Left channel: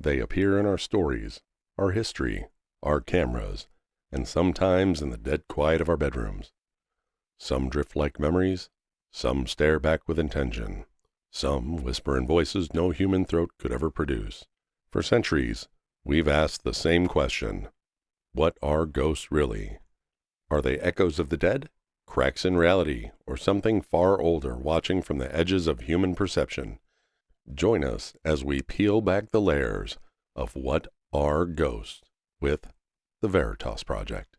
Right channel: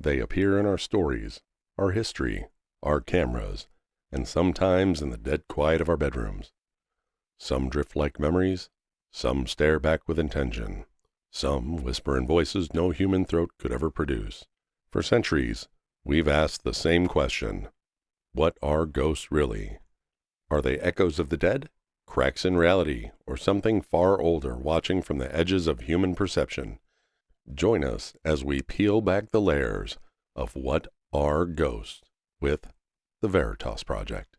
They appear in our stories, our history, our cameras, and sometimes in the dead quiet of our bedrooms. Some drift like memories, some stare back with intention, some whisper in voices no human throat could ever produce. For centuries, we've asked the same question. What are ghosts really? Are they echoes of the dead, cracks in reality, or something far older watching from the edges of human perception? Join us as we peel back the layers of what are ghosts with the Veritas Project.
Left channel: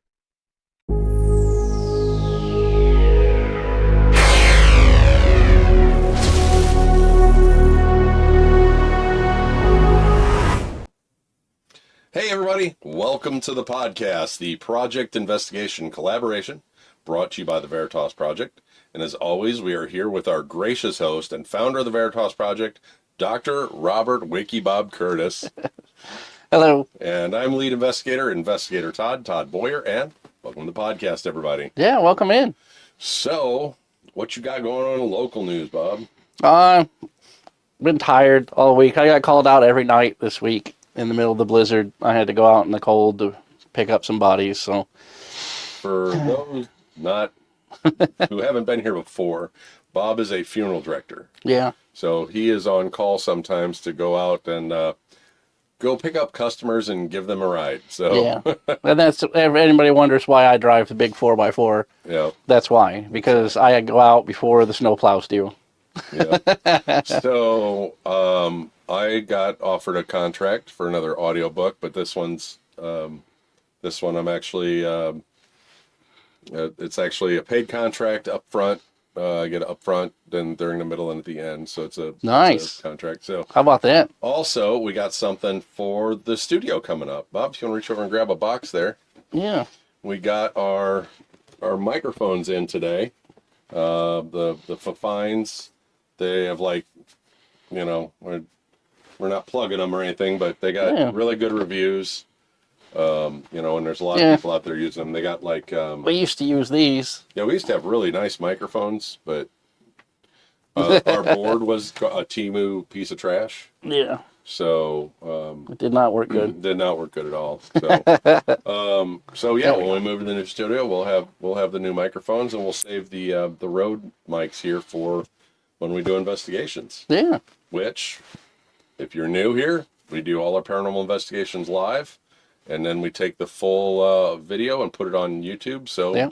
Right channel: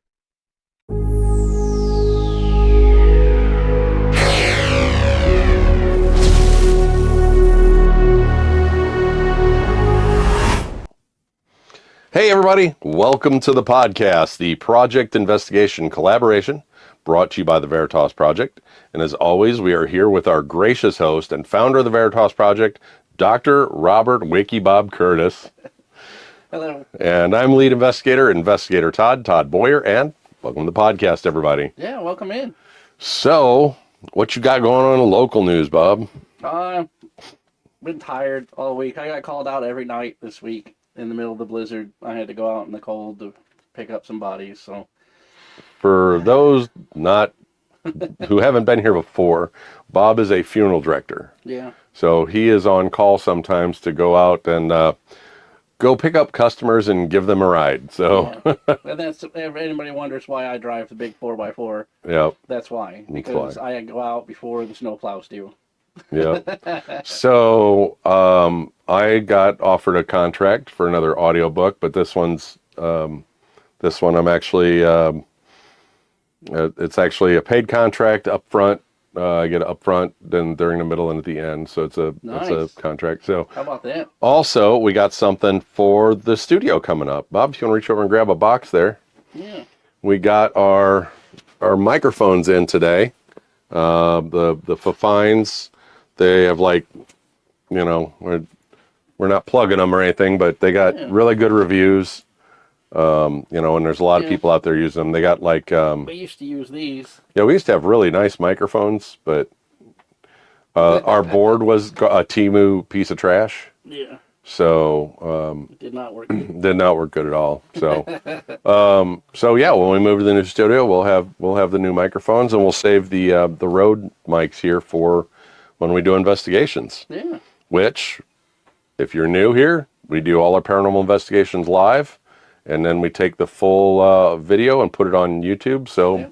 Hey everybody, welcome to the podcast, the Project Investigation Collaboration, brought to you by the Veritas Project. And as always, we are here with our gracious host and founder of the Veritas Project, Dr. Robert Wakey Bob Curtis. Hello. And I'm lead investigator Todd Boyer, and welcome to the podcast, everybody. Yeah, welcome in. So, what you got going on in local news, Bob? Been tired all week. I got called out every night this week in the middle of the blizzard. I had to go out in the cold to pick up some bodies, so. For those who haven't been here before, Bob is a funeral director. Yeah. So he is on call sometimes to go out and go pick up customers and give them a ride. So yeah. And that's, if anybody wonders why I drive the big 4x4, yeah, that's why. Because I go out before the snowplows do. Yeah. So I got offered a contract for another audiobook, but this one I'm actually it's actually a paid contract up front. I get it up front, then during the middle and at the end. So it's a contract. So how about that? Also, we got something for the studio coming up. Bob, if you want to reach over and grab a box there. Yeah. We got our microphones in today. The Fines, they have we're not plugging them or anything, but they got really good reviews. And there's a lot of people out there using them. They got we used to use these. Yeah, we used to have really nice microphones, but our board was a Temu piece of trash. Yeah. So it did not work good. Did not work good at all. So when we move to the new studio, we'll have the new microphones, and we'll save the Rode mics here for when we do investigations. Yeah. Which, if you're new here, we do all our paranormal investigations live. And then we take the full video and put it on YouTube. So,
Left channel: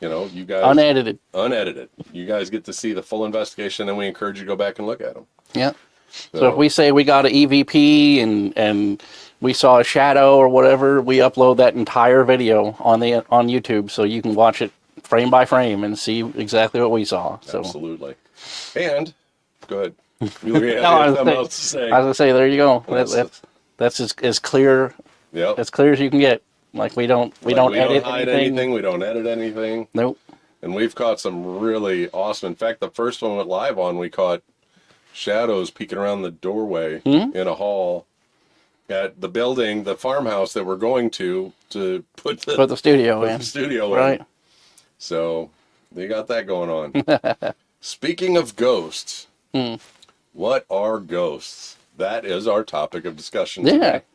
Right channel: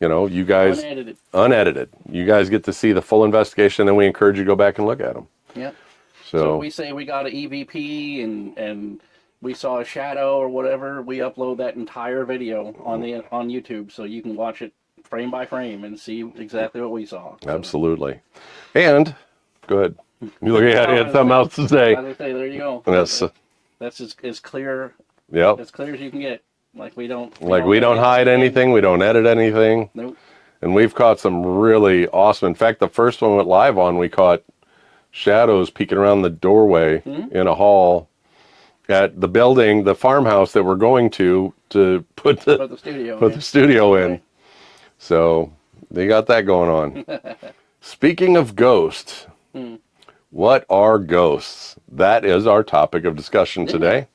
you guys... Unedited. You guys get to see the full investigation, and we encourage you to go back and look at them. Yeah. So if we say we got an EVP and we saw a shadow or whatever, we upload that entire video on YouTube, so you can watch it frame by frame and see exactly what we saw. So. Absolutely. And, go ahead. You look at you have something else to say. I was going to say, there you go. That's as clear... Yep. As clear as you can get. We don't hide anything. We don't edit anything. Nope. And we've caught some really awesome. In fact, the first one went live on, we caught shadows peeking around the doorway in a hall at the building, the farmhouse that we're going to put the studio in. Right. So they got that going on. Speaking of ghosts, what are ghosts? That is our topic of discussion today.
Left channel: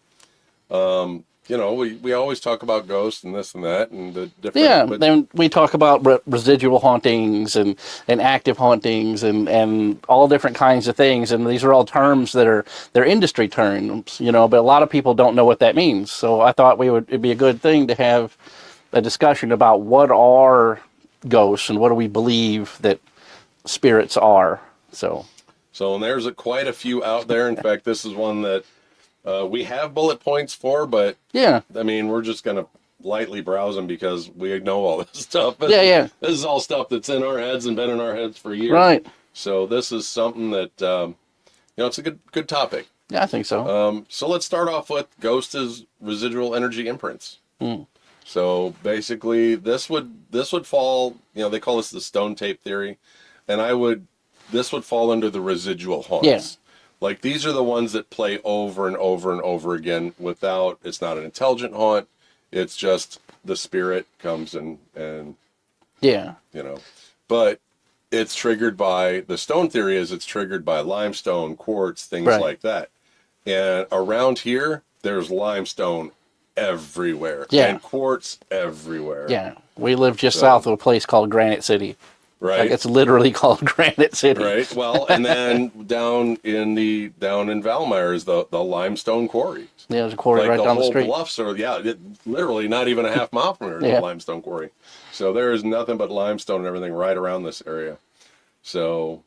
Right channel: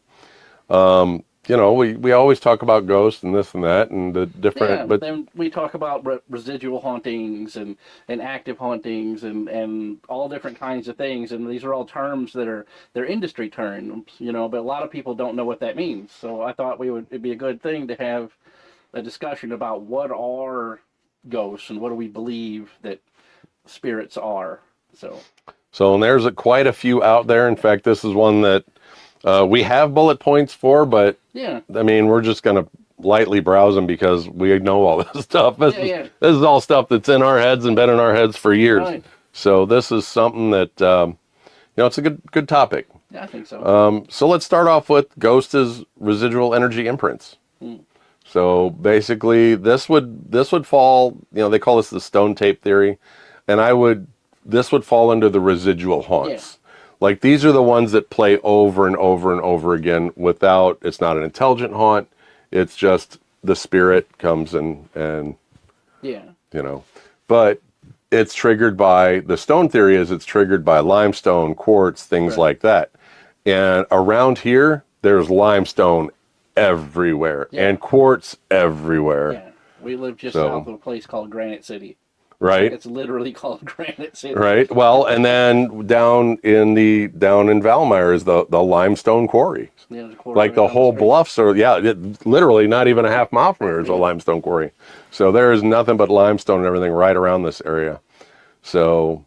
We always talk about ghosts and this and that and the different... Yeah, but then we talk about residual hauntings and active hauntings and all different kinds of things. And these are all terms they're industry terms, but a lot of people don't know what that means. So I thought it'd be a good thing to have a discussion about what are ghosts and what do we believe that spirits are. So there's quite a few out there. In fact, this is one that we have bullet points for, but we're just going to lightly browse them because we know all this stuff. This is all stuff that's in our heads and been in our heads for years. Right. So this is something that, it's a good topic. Yeah, I think so. So let's start off with ghosts as residual energy imprints. So basically this would fall, they call this the stone tape theory, and this would fall under the residual haunts. Yeah. These are the ones that play over and over and over again it's not an intelligent haunt. It's just the spirit comes and but it's triggered by, the stone theory is it's triggered by limestone, quartz, things like that. And around here, there's limestone everywhere and quartz everywhere. Yeah. We live just south of a place called Granite City. Right. Like it's literally called Granite City. Right. Well, and then down in Valmeyer is the limestone quarry. Yeah, there's a quarry like right the down whole the street. bluffs are, literally not even a half mile from here is a limestone quarry. So there is nothing but limestone and everything right around this area. So,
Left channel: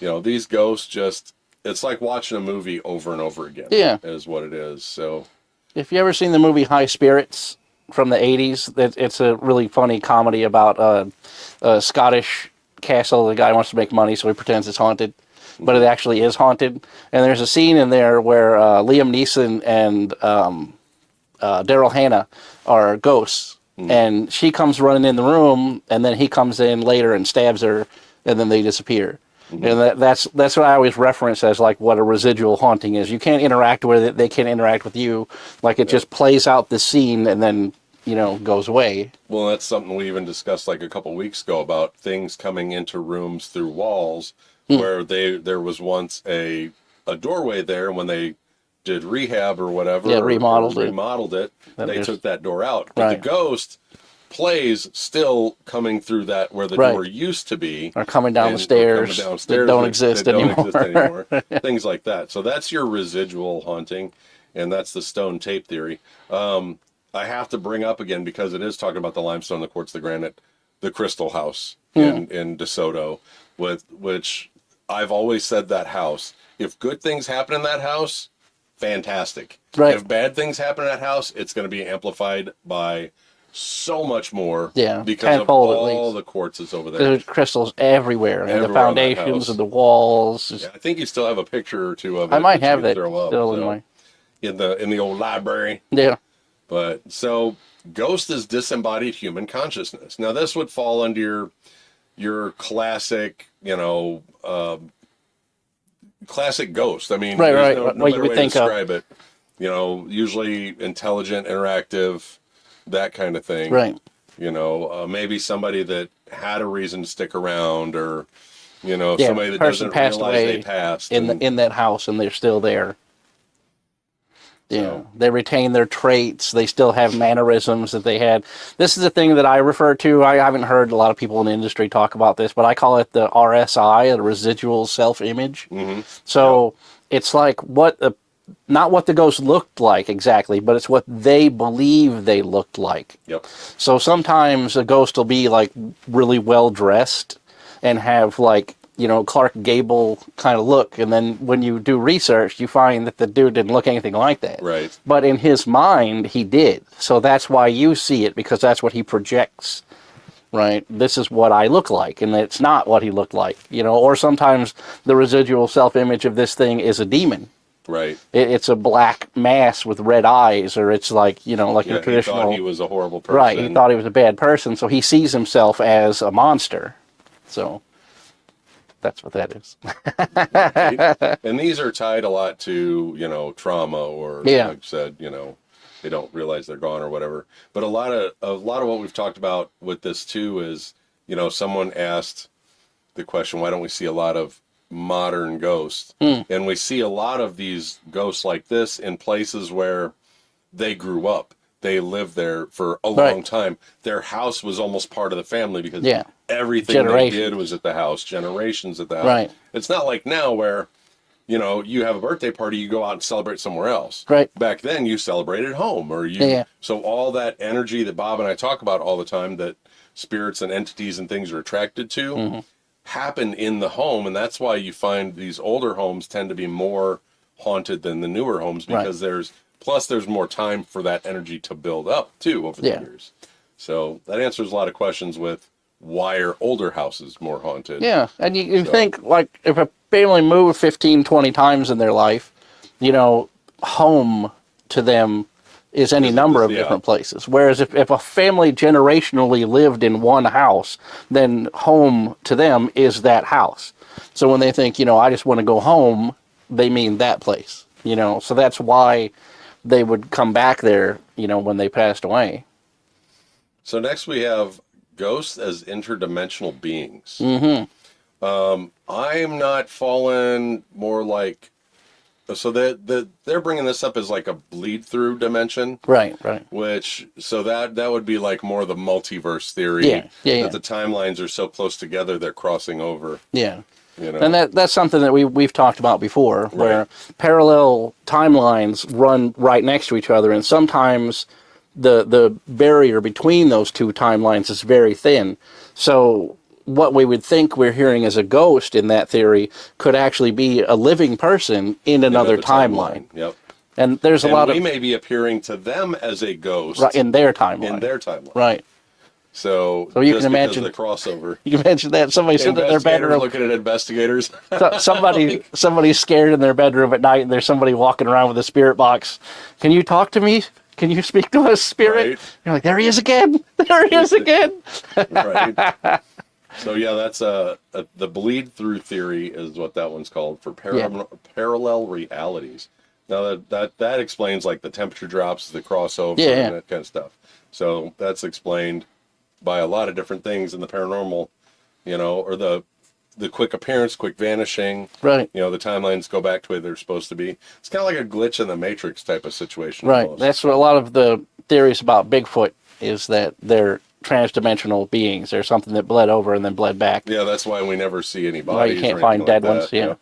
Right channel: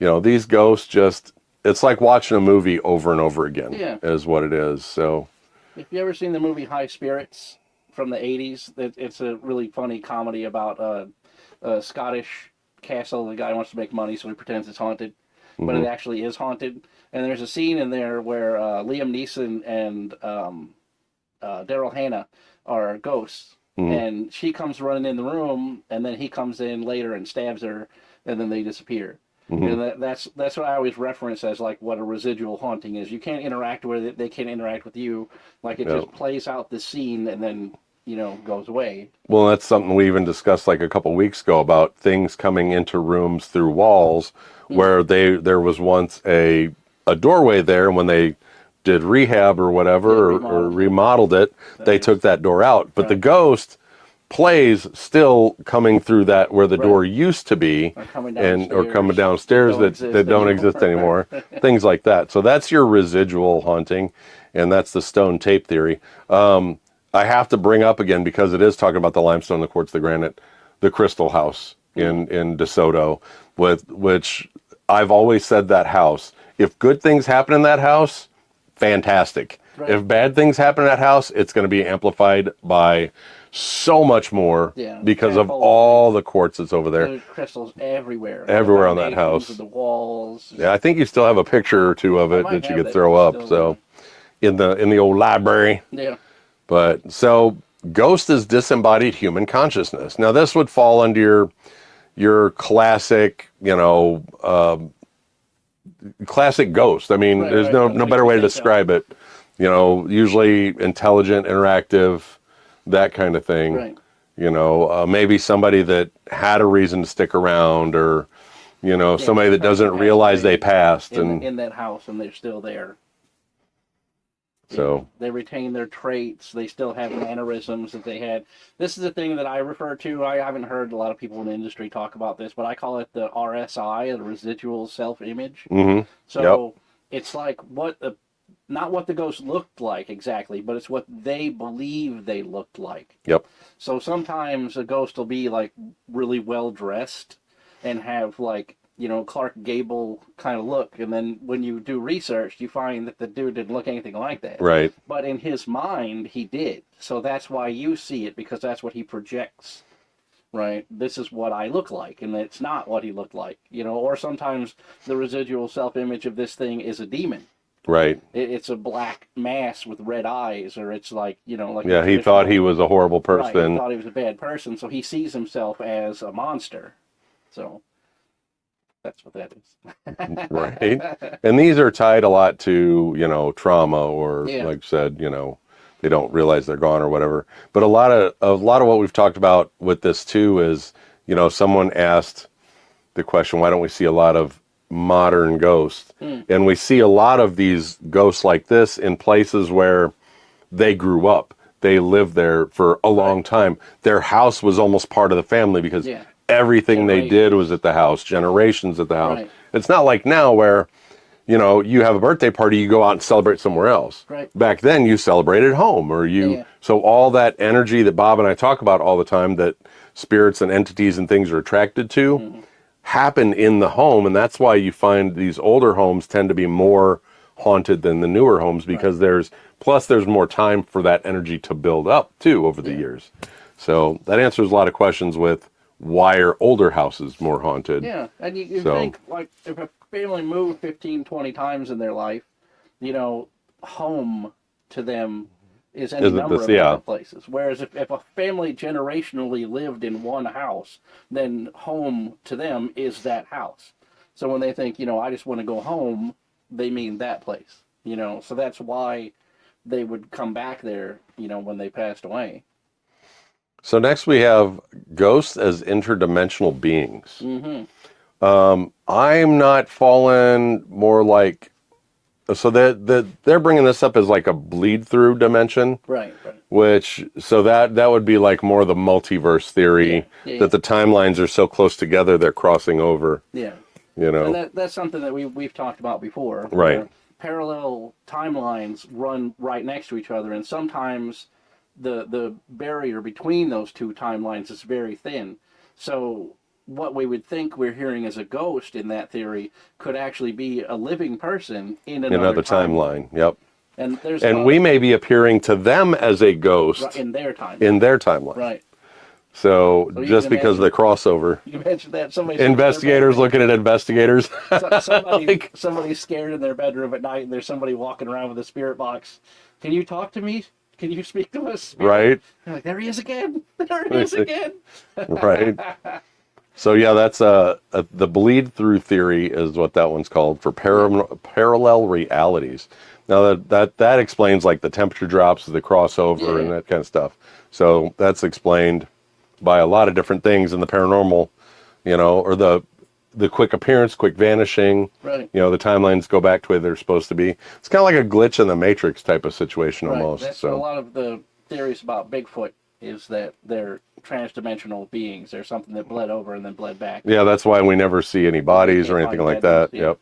these ghosts just, it's like watching a movie over and over again. Yeah. Is what it is. So. If you ever seen the movie High Spirits from the 80s, it's a really funny comedy about a Scottish castle. The guy wants to make money, so he pretends it's haunted, but it actually is haunted. And there's a scene in there where Liam Neeson and Daryl Hannah are ghosts, and she comes running in the room, and then he comes in later and stabs her, and then they disappear. And that's what I always reference as like what a residual haunting is. You can't interact with it; they can't interact with you. Like it just plays out the scene and then goes away. Well, that's something we even discussed like a couple weeks ago about things coming into rooms through walls, where there was once a doorway there, and when they did rehab or whatever, or remodeled it, they took that door out. But the ghost plays still coming through that where the door used to be, or coming downstairs that don't exist anymore. Things like that. So that's your residual haunting, and that's the stone tape theory. I have to bring up again, because it is talking about the limestone, the quartz, the granite, the Crystal House in DeSoto, which I've always said that house, if good things happen in that house, fantastic. Right. If bad things happen in that house, it's going to be amplified by so much more because of all the quartz that's over there. There's crystals everywhere. Everywhere on the foundations and the walls. Yeah, I think you still have a picture or two of it I might that have you could throw up. So in the old library. Yeah. But so ghost is disembodied human consciousness. Now this would fall under your classic, classic ghost. I mean, there's no better way to describe it. Usually intelligent, interactive, that kind of thing. Right. Maybe somebody that had a reason to stick around, or, somebody that doesn't realize they passed. In that house and they're still there. So they retain their traits. They still have mannerisms that they had. This is a thing that I refer to. I haven't heard a lot of people in the industry talk about this, but I call it the RSI, the residual self-image. So it's like not what the ghost looked like exactly, but it's what they believe they looked like. Yep. So sometimes a ghost will be like really well dressed and have like, Clark Gable kind of look. And then when you do research, you find that the dude didn't look anything like that. Right. But in his mind, he did. So that's why you see it, because that's what he projects. Right. This is what I look like. And it's not what he looked like, or sometimes the residual self-image of this thing is a demon. Right. It's a black mass with red eyes, or it's like, like a he thought he was a horrible person. Right, he thought he was a bad person, so he sees himself as a monster. So that's what that is. Right. And these are tied a lot to, trauma, or like I said, they don't realize they're gone or whatever. But a lot of what we've talked about with this too is, someone asked the question, why don't we see a lot of modern ghosts? And we see a lot of these ghosts like this in places where they grew up. They lived there for a long time. Their house was almost part of the family, because everything they did was at the house, generations at the house. Right. It's not like now where, you have a birthday party, you go out and celebrate somewhere else. Right. Back then you celebrated home, or so all that energy that Bob and I talk about all the time, that spirits and entities and things are attracted to, happen in the home. And that's why you find these older homes tend to be more haunted than the newer homes, because there's more time for that energy to build up too over the years. So that answers a lot of questions with why are older houses more haunted. Yeah, and you think, like, if a family moved 15, 20 times in their life, home to them is any number of different places. Whereas if a family generationally lived in one house, then home to them is that house. So when they think, I just want to go home, they mean that place. So that's why they would come back there, when they passed away. So next we have ghosts as interdimensional beings. I'm not falling more like so they're bringing this up as like a bleed through dimension. Right. Which, so that would be like more the multiverse theory, that the timelines are so close together they're crossing over. Yeah. You know, and that's something that we've talked about before, where parallel timelines run right next to each other, and sometimes the barrier between those two timelines is very thin. So what we would think we're hearing as a ghost in that theory could actually be a living person in another timeline. Yep. And there's and we may be appearing to them as a ghost in their timeline. Right. So you just can because imagine, of the crossover. You can imagine that somebody's investigators looking at investigators. Somebody's scared in their bedroom at night, and there's somebody walking around with a spirit box. Can you talk to me? Can you speak to a spirit? Right. You're like, there he is again. There he is again. Right. So yeah, that's the bleed through theory is what that one's called, for parallel realities. Now that explains like the temperature drops, the crossover, and that kind of stuff. So that's explained by a lot of different things in the paranormal, or the quick appearance, quick vanishing. Right. The timelines go back to where they're supposed to be. It's kind of like a glitch in the Matrix type of situation. Right. Almost. That's what a lot of the theories about Bigfoot is, that they're transdimensional beings. They're something that bled over and then bled back. Yeah, that's why we never see any bodies or anything like that. Yeah. Yep.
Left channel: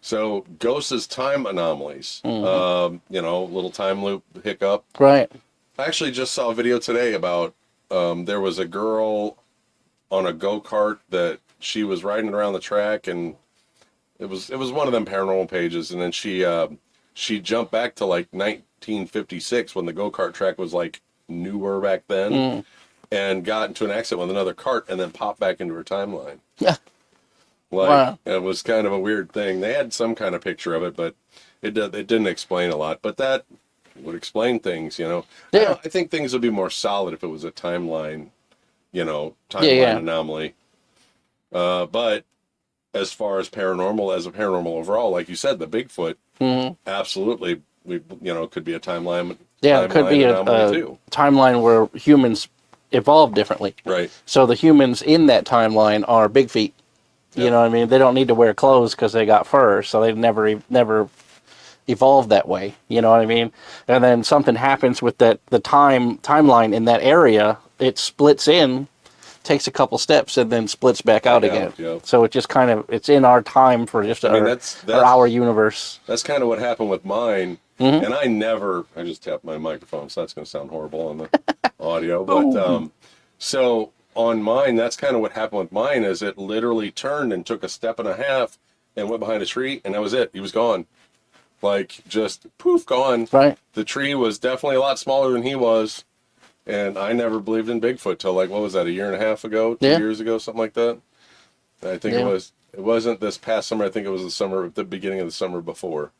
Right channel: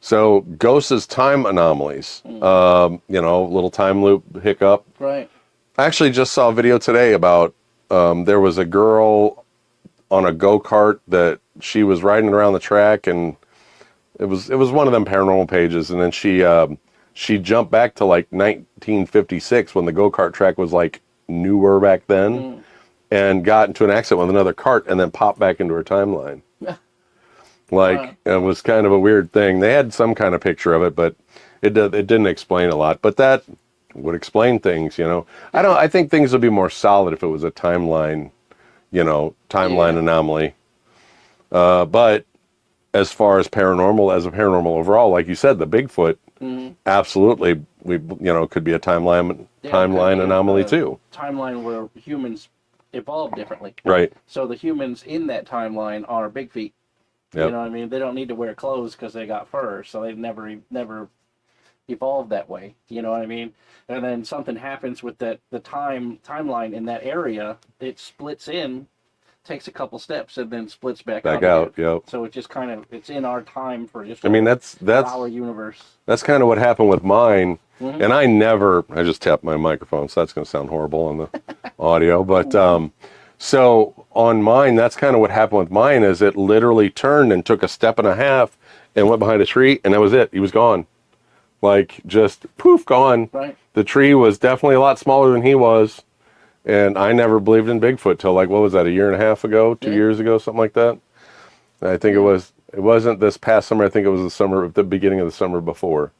So ghosts as time anomalies. Little time loop hiccup. Right. I actually just saw a video today about there was a girl on a go-kart that she was riding around the track, and it was one of them paranormal pages, and then she jumped back to like 1956 when the go-kart track was like newer back then, and got into an accident with another cart and then popped back into her timeline. Yeah. It was kind of a weird thing. They had some kind of picture of it, but it didn't explain a lot. But that would explain things, Yeah. I think things would be more solid if it was a timeline, anomaly. But as far as paranormal overall, like you said, the Bigfoot, absolutely, could be a timeline anomaly too. Timeline where humans evolved differently. Right. So the humans in that timeline are big feet. Yep. You know what I mean? They don't need to wear clothes because they got fur, so they've never evolved that way. You know what I mean? And then something happens with the timeline in that area. It splits in, takes a couple steps, and then splits back out again. Yep. So it just kind of, it's in our time for just that's our universe. That's kind of what happened with mine. And I just tapped my microphone, so that's going to sound horrible on the audio. But so on mine, that's kind of what happened with mine, is it literally turned and took a step and a half and went behind a tree, and that was it. He was gone. Like, just poof, gone. Right. The tree was definitely a lot smaller than he was. And I never believed in Bigfoot till, like, what was that, a year and a half ago, 2 years ago, something like that? I think it wasn't this past summer. I think it was the beginning of the summer before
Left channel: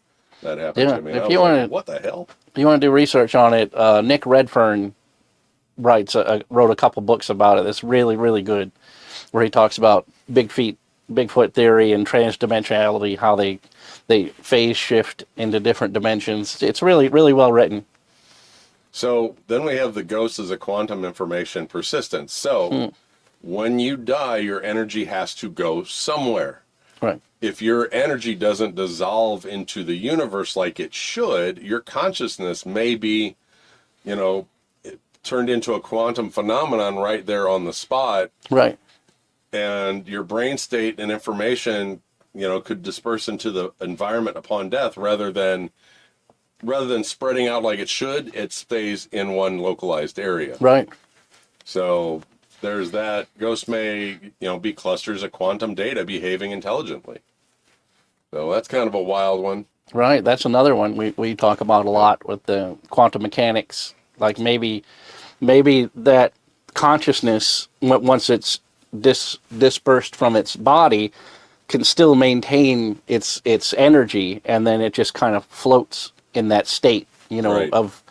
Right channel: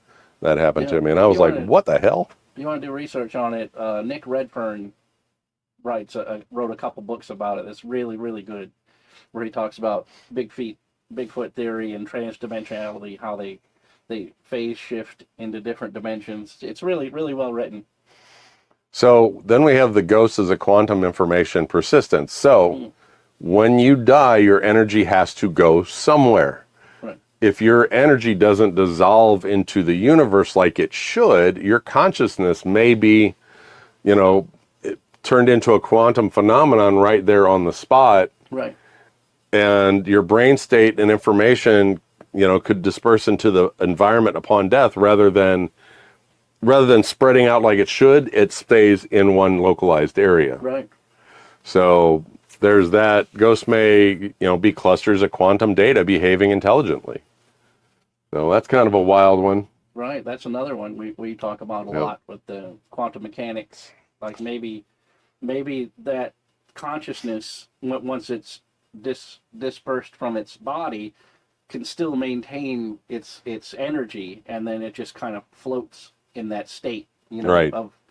that happened to me. And I was like, what the hell? You want to do research on it, Nick Redfern wrote a couple books about it. It's really, really good, where he talks about Bigfoot theory and transdimensionality, how they phase shift into different dimensions. It's really, really well written. So then we have the ghost as a quantum information persistence. So when you die, your energy has to go somewhere. Right. If your energy doesn't dissolve into the universe like it should, your consciousness may be, turned into a quantum phenomenon right there on the spot. Right. And your brain state and information, could disperse into the environment upon death rather than spreading out like it should. It stays in one localized area. Right. So there's that. Ghosts may, be clusters of quantum data behaving intelligently. So that's kind of a wild one. Right. That's another one we talk about a lot with the quantum mechanics. Like maybe that consciousness, once it's dispersed from its body, can still maintain its energy, and then it just kind of floats in that state, of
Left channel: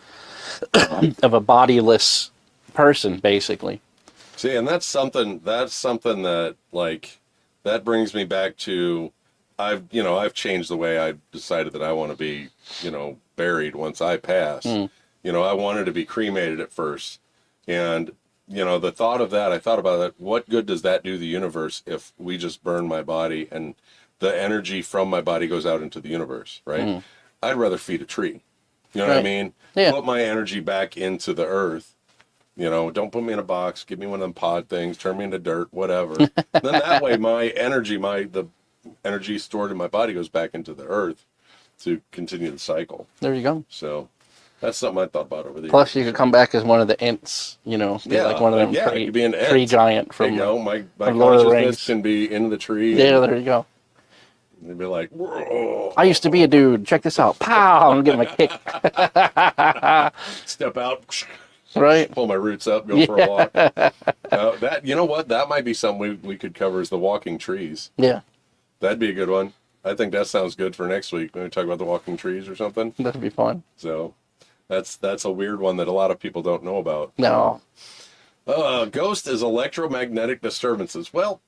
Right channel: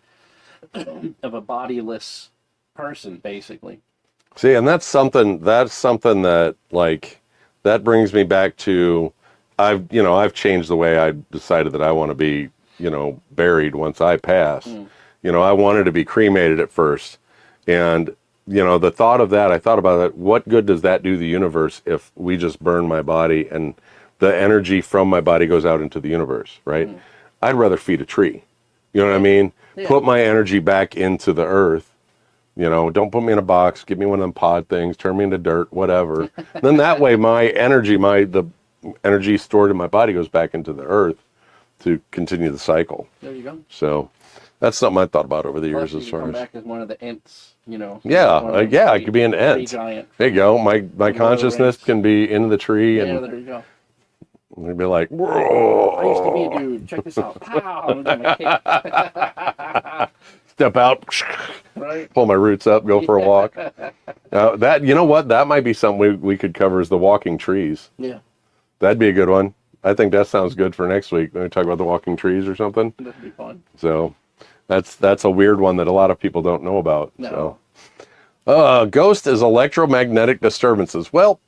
a bodiless person, basically. See, and that's something that, like, that brings me back to, I've changed the way I decided that I want to be, buried once I pass. I wanted to be cremated at first, and the thought of that, I thought about it, what good does that do the universe if we just burn my body and the energy from my body goes out into the universe, right? I'd rather feed a tree. You know what I Right. mean? Yeah. Put my energy back into the earth. You know, don't put me in a box. Give me one of them pod things. Turn me into dirt, whatever. Then that way, my energy, the energy stored in my body goes back into the earth to continue the cycle. There you go. So that's something I thought about over the Plus, years. you could come back as one of the Ents, you know. Yeah, like one of them I could be an Ent. tree giant. There you go. My from Lord of the consciousness Rings. can be in the tree. Yeah, And there you go. we'd be like, whoa. I used to be a dude. Check this out. Pow! I'm gonna give him a kick. Step out. Right? Pull my roots up. Go for a walk. That, you know what? That might be something we could cover is the walking trees. Yeah. That'd be a good one. I think that sounds good for next week. Maybe talk about the walking trees or something. That'd be fun. So that's a weird one that a lot of people don't know about. No. Ghost is electromagnetic disturbances. Well,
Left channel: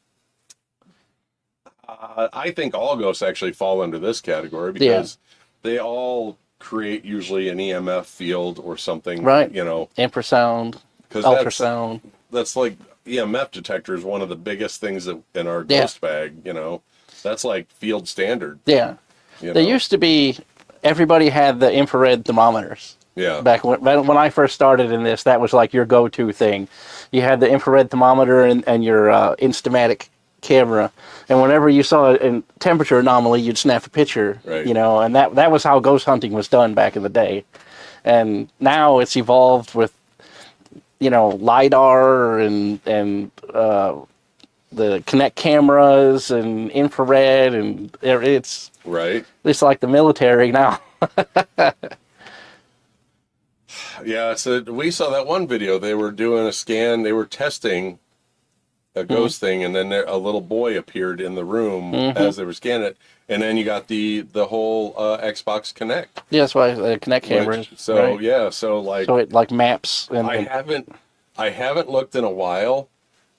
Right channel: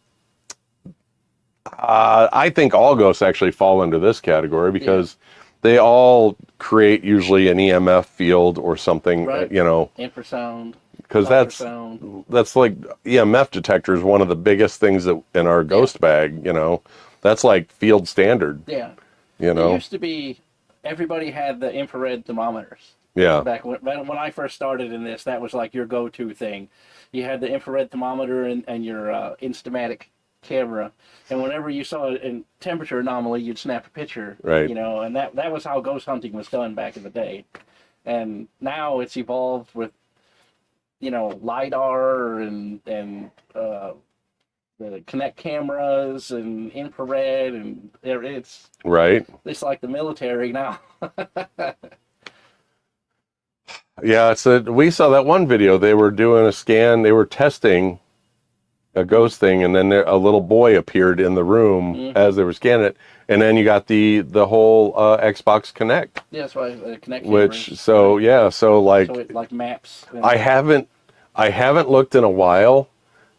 I think all ghosts actually fall into this category because they all create usually an EMF field or something, Right. you know. Infrasound, Because ultrasound. that's like EMF detector is one of the biggest things that in our ghost bag, you know. That's like field standard. Yeah. You know? There used to be, everybody had the infrared thermometers. Yeah. Back when I first started in this, that was like your go-to thing. You had the infrared thermometer and your Instamatic camera, and whenever you saw a temperature anomaly, you'd snap a picture. Right. You know, and that was how ghost hunting was done back in the day. And now it's evolved with, you know, LiDAR and the Kinect cameras and infrared, and it's Right. like the military now. Yeah, we saw that one video. They were doing a scan. They were testing a ghost thing, and then a little boy appeared in the room as they were scanning it. And then you got the whole Xbox Kinect. Yeah, that's why the Kinect cameras. So like, so it like maps. And I haven't looked in a while,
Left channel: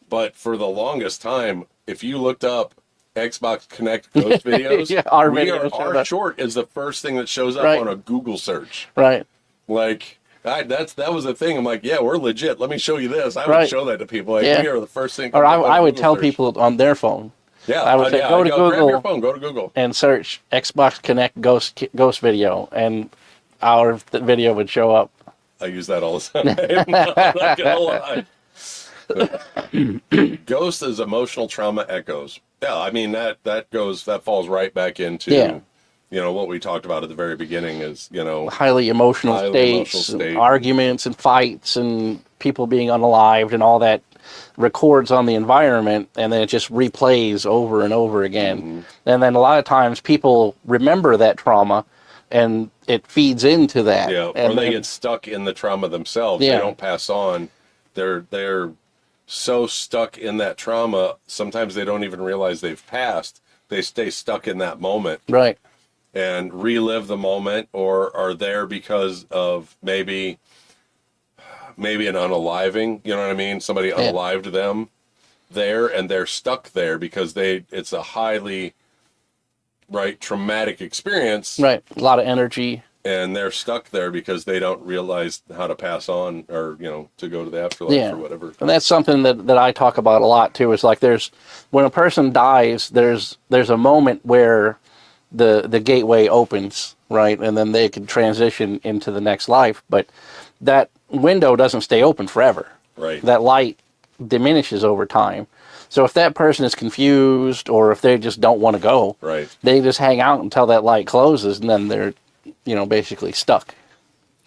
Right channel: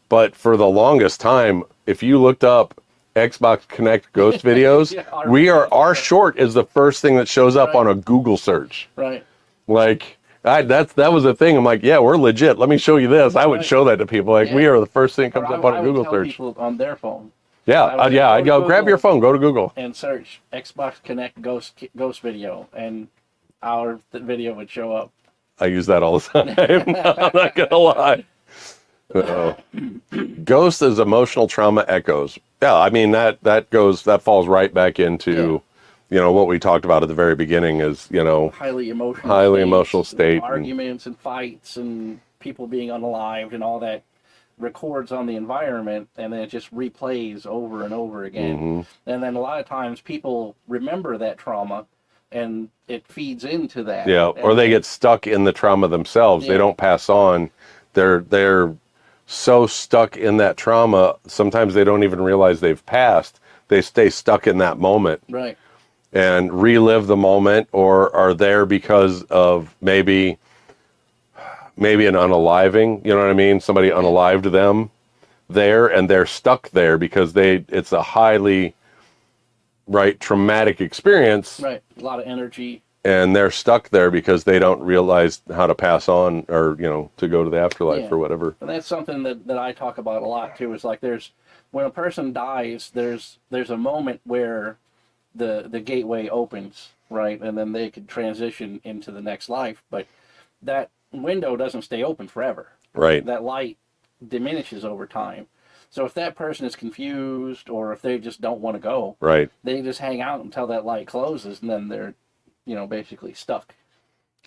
but for the longest time, if you looked up Xbox Kinect ghost videos, our short is the first thing that shows up on a Google search. Right. Like. That was a thing. I'm like, yeah, we're legit. Let me show you this. I would show that to people. Like, we are the first thing. Or I would tell people on their phone. Yeah, I'd go grab your phone, go to Google, and search Xbox Kinect ghost video, and our video would show up. I use that all the time. I'm not gonna lie. Ghost is emotional trauma echoes. Yeah, I mean that falls right back into. You know, what we talked about at the very beginning is, you know, highly emotional state, arguments and fights and people being unalived and all that records on the environment, and then it just replays over and over again. And then a lot of times people remember that trauma and it feeds into that. Yeah, or they get stuck in the trauma themselves. They don't pass on. They're so stuck in that trauma, sometimes they don't even realize they've passed. They stay stuck in that moment. Right. And relive the moment, or are there because of maybe an unaliving, you know what I mean? Somebody unalived them there, and they're stuck there because it's a highly traumatic experience. Right. A lot of energy. And they're stuck there because they don't realize how to pass on, or, you know, to go to the afterlife or whatever. And that's something that I talk about a lot too. Is like when a person dies, there's a moment where the gateway opens, right? And then they can transition into the next life. But that window doesn't stay open forever. Right. That light diminishes over time. So if that person is confused, or if they just don't want to go, they just hang out until that light closes, and then they're, you know, basically stuck.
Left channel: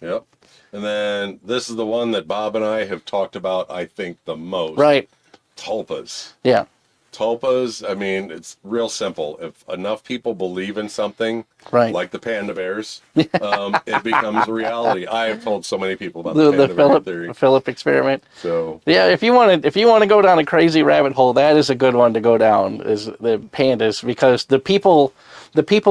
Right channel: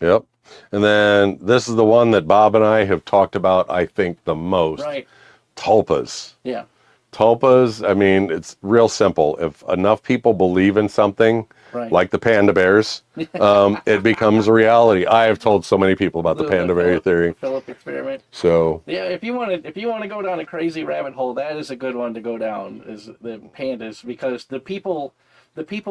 Yep. And then this is the one that Bob and I have talked about, I think, the most. Right. Tulpas. Yeah. Tulpas, I mean, it's real simple. If enough people believe in something, like the panda bears, it becomes a reality. I have told so many people about the panda bear theory. The Philip experiment. So yeah, if you want to go down a crazy rabbit hole, that is a good one to go down, is the pandas, because the people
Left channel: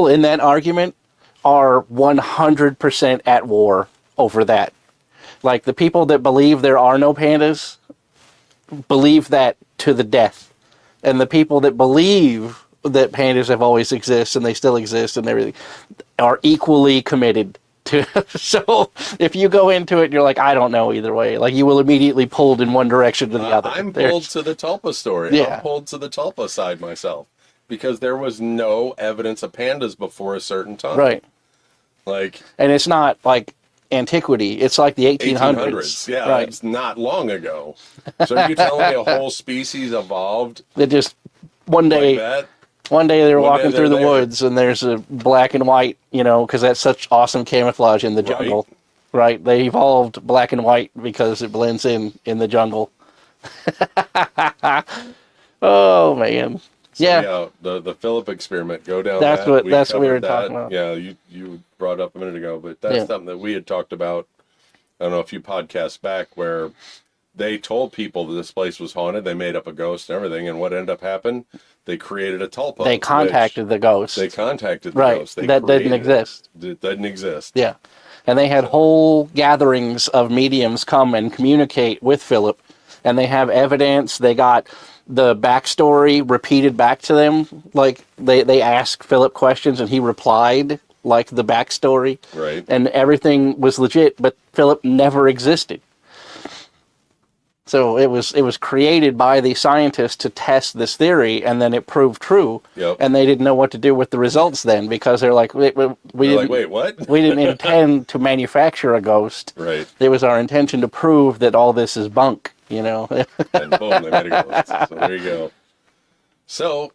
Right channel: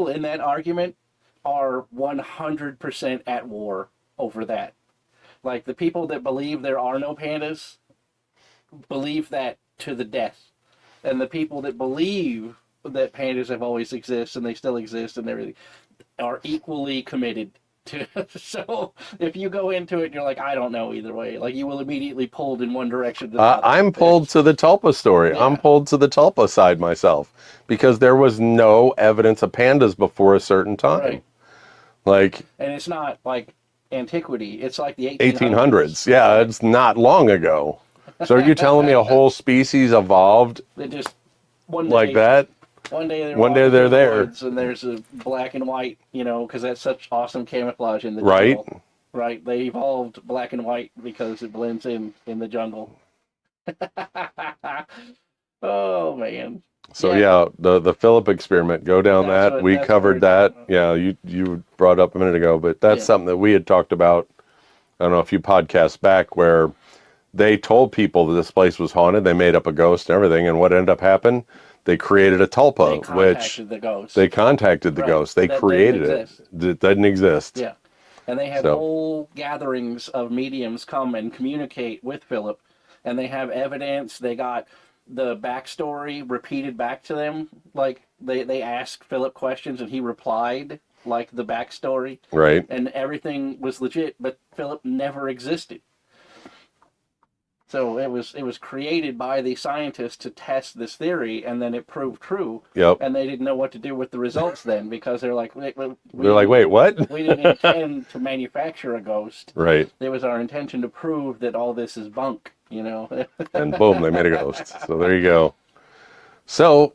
in that argument are 100% at war over that. Like, the people that believe there are no pandas believe that to the death. And the people that believe that pandas have always existed and they still exist and everything are equally committed So if you go into it and you're like, I don't know either way, like you will immediately pulled in one direction to the other. I'm pulled to the tulpa story. Yeah. I'm pulled to the tulpa side myself because there was no evidence of pandas before a certain time. Right. Like, And it's not like antiquity. It's like the 1800s. Yeah, Right. it's not long ago. So are you telling me a whole species evolved They just one day like that? One day they're One day walking they're through the there. woods and there's a black and white, because that's such awesome camouflage in the jungle. Right? They evolved black and white because it blends in the jungle. Oh, man. So the Philip experiment, go down That's that. what- We that's what we were covered that. talking about. Yeah, you brought up a minute ago, but that's Yeah. something that we had talked about, I don't know, a few podcasts back, where they told people that this place was haunted. They made up a ghost and everything, and what ended up happening? They created a tulpa. They contacted the ghost. They contacted the Right. ghost. They That didn't created exist. it. It didn't exist. Yeah. And they had So- whole gatherings of mediums come and communicate with Philip. And they have evidence. They got the backstory repeated back to them. Like they asked Philip questions and he replied like the backstory. Right. And everything was legit, but Philip never existed. So it was created by the scientists to test this theory, and then it proved true. Yep. And they didn't know what to do with the results then, because they're like, we They're like, wait, what? we didn't intend to manufacture a ghost. Right. It was our intention to prove that all this is bunk, And boom, they made a ghost. So there you go. So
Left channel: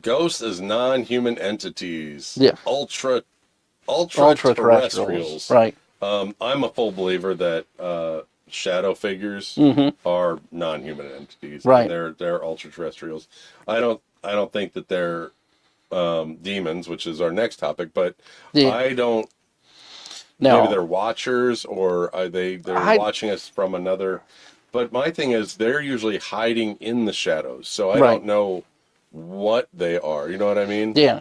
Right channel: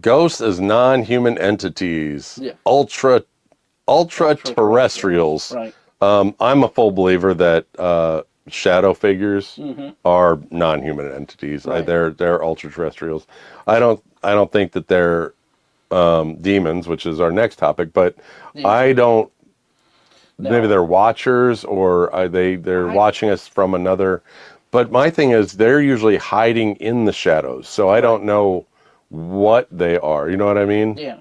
ghosts as non-human entities. Yeah. Ultra-terrestrials. Right. I'm a full believer that shadow figures are non-human entities. Right. They're ultra-terrestrials. I don't think that they're demons, which is our next topic, but Yeah. I don't. No. Maybe they're watchers, or they're watching us from another. But my thing is, they're usually hiding in the shadows, so I don't know what they are. You know what I mean? Yeah.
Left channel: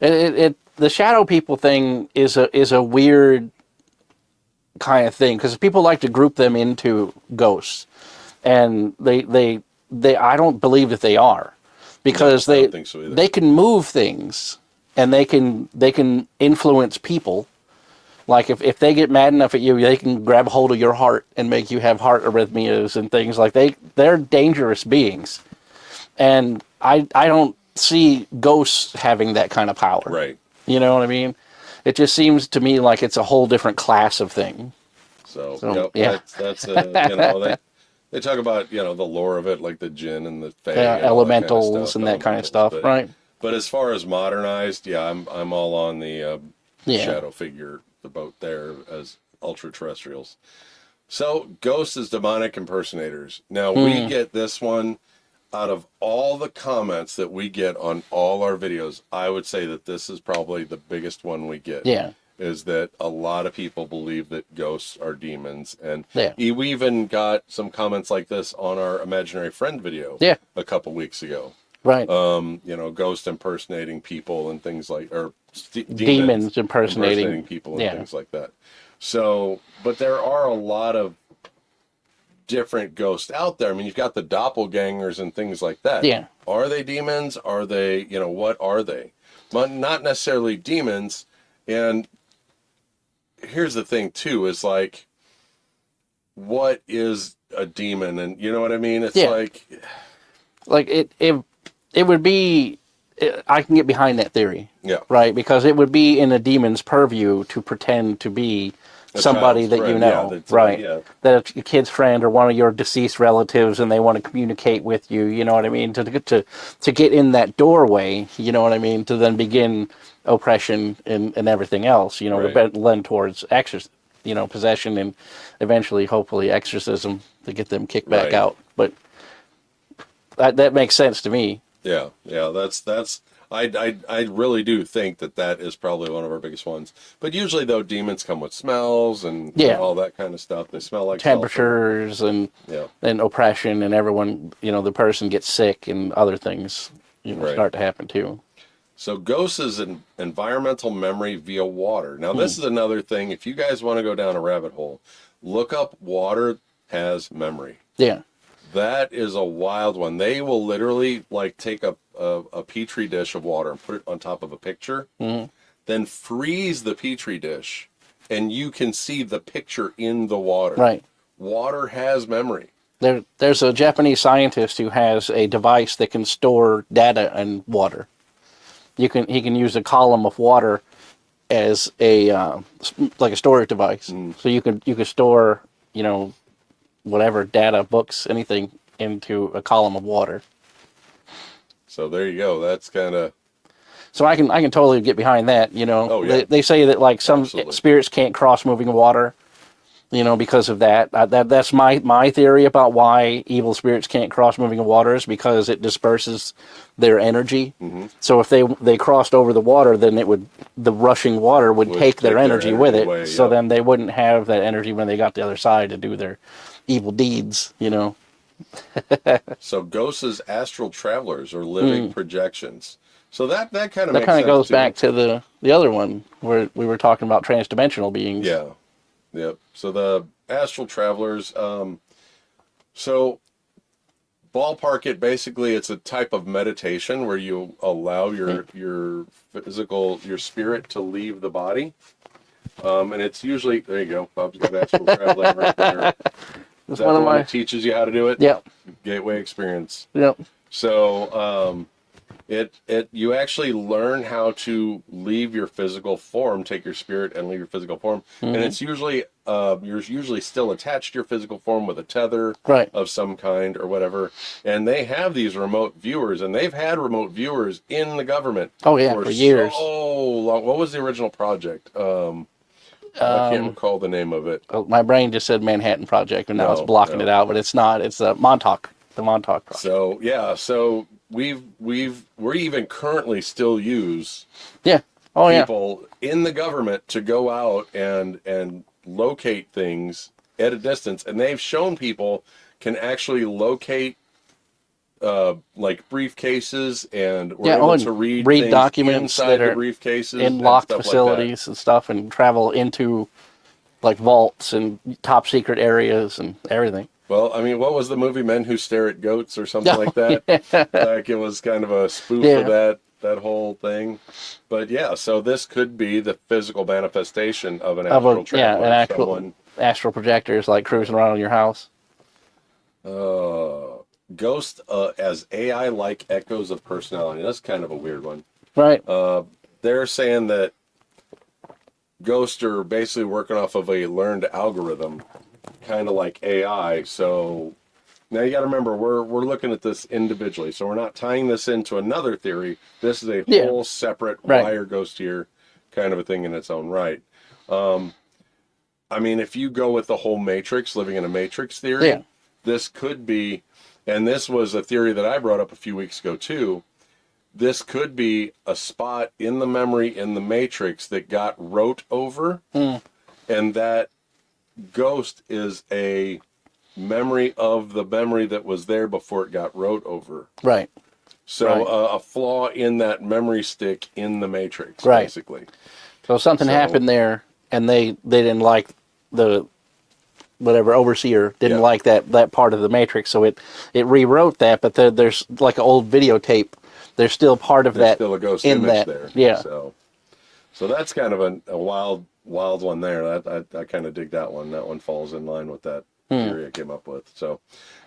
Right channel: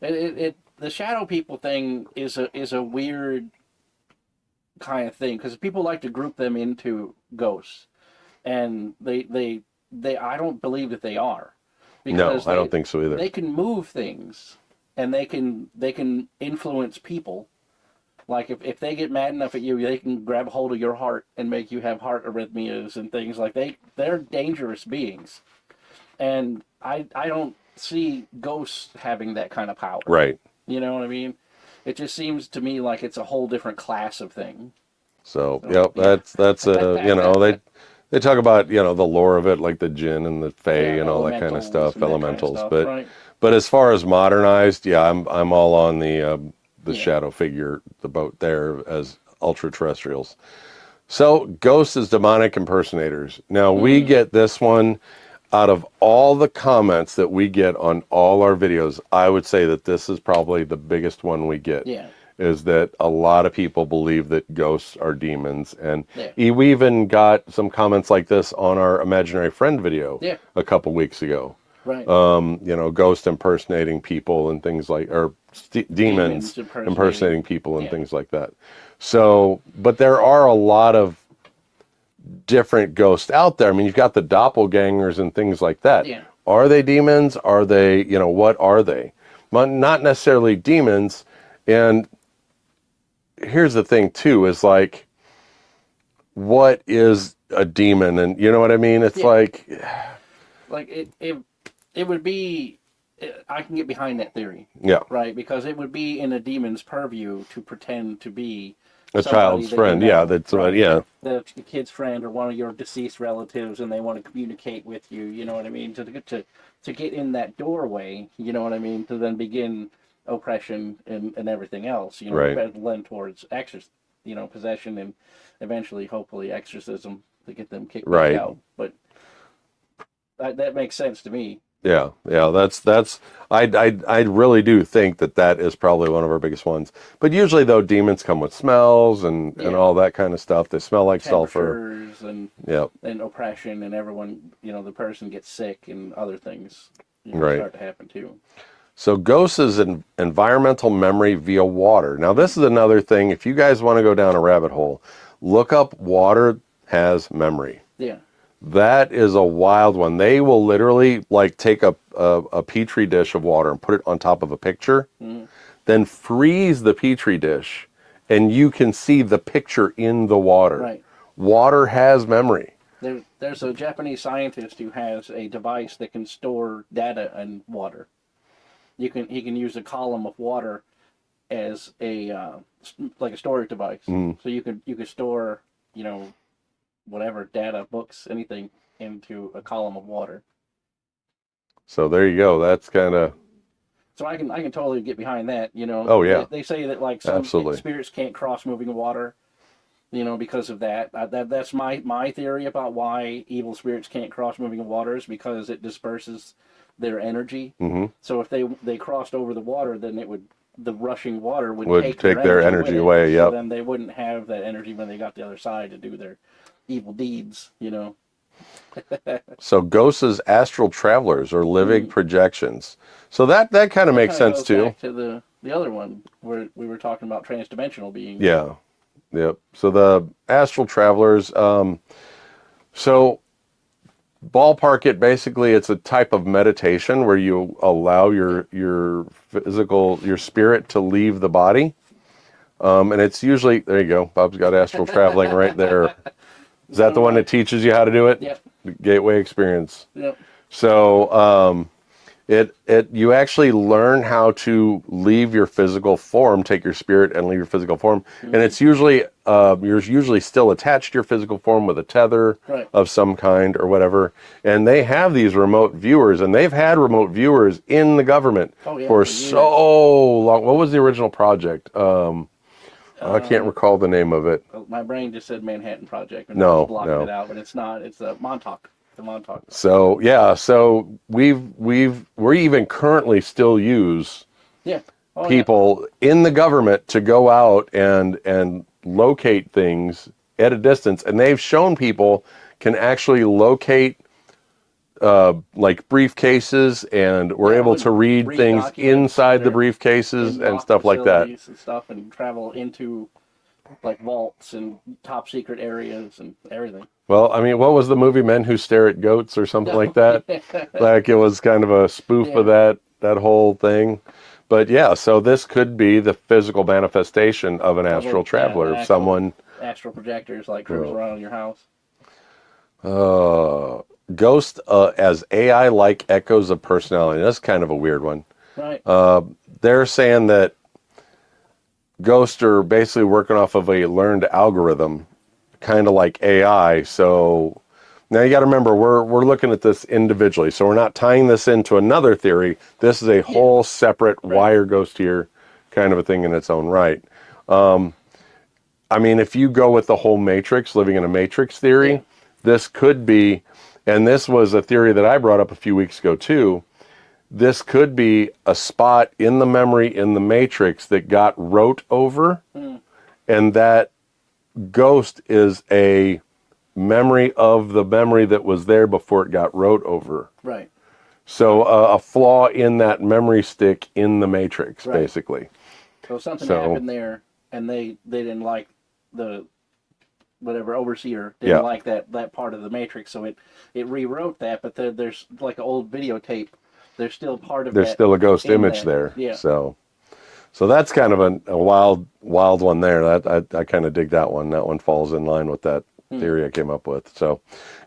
The shadow people thing is a weird kind of thing, because people like to group them into ghosts, and they I don't believe that they are, because I don't think so either. They can move things, and they can influence people. Like if they get mad enough at you, they can grab hold of your heart and make you have heart arrhythmias and things like they're dangerous beings, and I don't see ghosts having that kind of power. Right. You know what I mean? It just seems to me like it's a whole different class of thing. So yeah. that's they talk about the lore of it, like the jinn and the fae and all that kind of stuff, and that kind of stuff, but, right? But as far as modernized, I'm all on the Yeah. shadow figure, the boat there as ultra terrestrials. So ghosts as demonic impersonators. Now we get this one. Out of all the comments that we get on all our videos, I would say that this is probably the biggest one we get. Yeah. Is that a lot of people believe that ghosts are demons. And Yeah. we even got some comments like this on our imaginary friend video a couple weeks ago. Right. Ghost impersonating people and things like, or demons impersonating people and things like that. So, but there are a lot of different ghosts out there. I mean, you've got the doppelgangers and things like that. Yeah. Are they demons? Are they, what are they? Well, not necessarily demons. And here's the thing too, is like, what is a demon? And you know what I mean? It's like it would be, I can get behind that theory. Yeah. Right? Because it would be in a demon's purview to pretend to be somebody that friend. you know. That's right? That a kid's friend or one of your deceased relatives, and they want to communicate with you, you know what I mean? To get in that doorway, you know what I mean? To then begin oppression and everything else, lend towards possession and eventually, hopefully, exorcism to get them kicked back out. But that makes sense to me. Yeah. That's. I really do think that is probably one of our biggest ones. But usually, though, demons come with smells and all that kind of stuff. They smell like temperatures sulfur. and oppression, and everyone, the person gets sick and other things start to happen too. So ghosts is an environmental memory via water. Now, this is another thing. If you guys want to go down a rabbit hole, look up water has memory. Yeah. That is a wild one. They will literally take a petri dish of water and put it on top of a picture, then freeze the petri dish and you can see the picture in the water. Right. Water has memory. There's a Japanese scientist who has a device that can store data in water. He can use a column of water as a like a storage device. So you could store, you know, whatever data, books, anything into a column of water. So there you go. That's kind of... So I can totally get behind that. You know. Oh, yeah. They say that like some Absolutely. spirits can't cross moving water. You know, because of that. That's my theory about why evil spirits can't cross moving waters, because it disperses their energy. So if they crossed over the water, then the rushing water would take their energy with it. Away, so then they wouldn't have that energy when they got to the other side to do their evil deeds. You know. So ghosts as astral travelers or living projections. So that kind of makes sense too. That kind of goes back to the other one where we were talking about transdimensional beings. Yeah. Yep. So the astral travelers, so ballpark it, basically it's a type of meditation where you allow your spirit to leave the body. And it's usually, there you go, Bob's got astral traveling right there. Is that the one that teaches you how to do it? Yep. The Gateway Experience. Yep. So, you actually learn how to leave your physical form, take your spirit and leave your physical form, and it's usually you're usually still attached to your physical form with a tether of some kind or whatever. And they have these remote viewers, and they've had remote viewers in the government for years. So long. What was the original project? I can't recall the name of it. My brain just said Manhattan Project, and now it's blocking it out, but it's not. It's Montauk. The Montauk Project. So yeah, so we even currently still use people in the government to go out and locate things at a distance, and they've shown people can actually locate like briefcases, and we're able to read things documents inside the briefcases and stuff like that. And stuff, and travel into like vaults and top secret areas and everything. Well, I mean, what was the movie Men Who Stare at Goats or something like that? Like it was kind of a spoof of that whole thing. But yeah, so this could be the physical manifestation of an astral traveler. Someone astral projectors like cruising around in your house. Ghost as AI-like echoes of personality. That's kind of a weird one. Right. They're saying that ghosts are basically working off of a learned algorithm, kind of like AI. So now you got to remember, we're looking at this individually. So we're not tying this into another theory. This is a whole separate why are ghosts here kind of a thing in its own right. I mean, if you go with the whole Matrix, living in a Matrix theory, this could be, and this was a theory that I brought up a few weeks ago too, this could be a spot in the memory in the Matrix that got wrote over, and that ghost is a memory of the memory that was there before it got wrote over. Right. So a flaw in that memory stick in the Matrix, basically. So something happened there, and they didn't like the whatever overseer didn't like that part of the Matrix, so it rewrote that. But there's like an old videotape. There's still part of that. There's still a ghost image there. Yeah. So that's kind of a wild one there. I kind of dig that one. That one falls in line with that theory I came up with. So,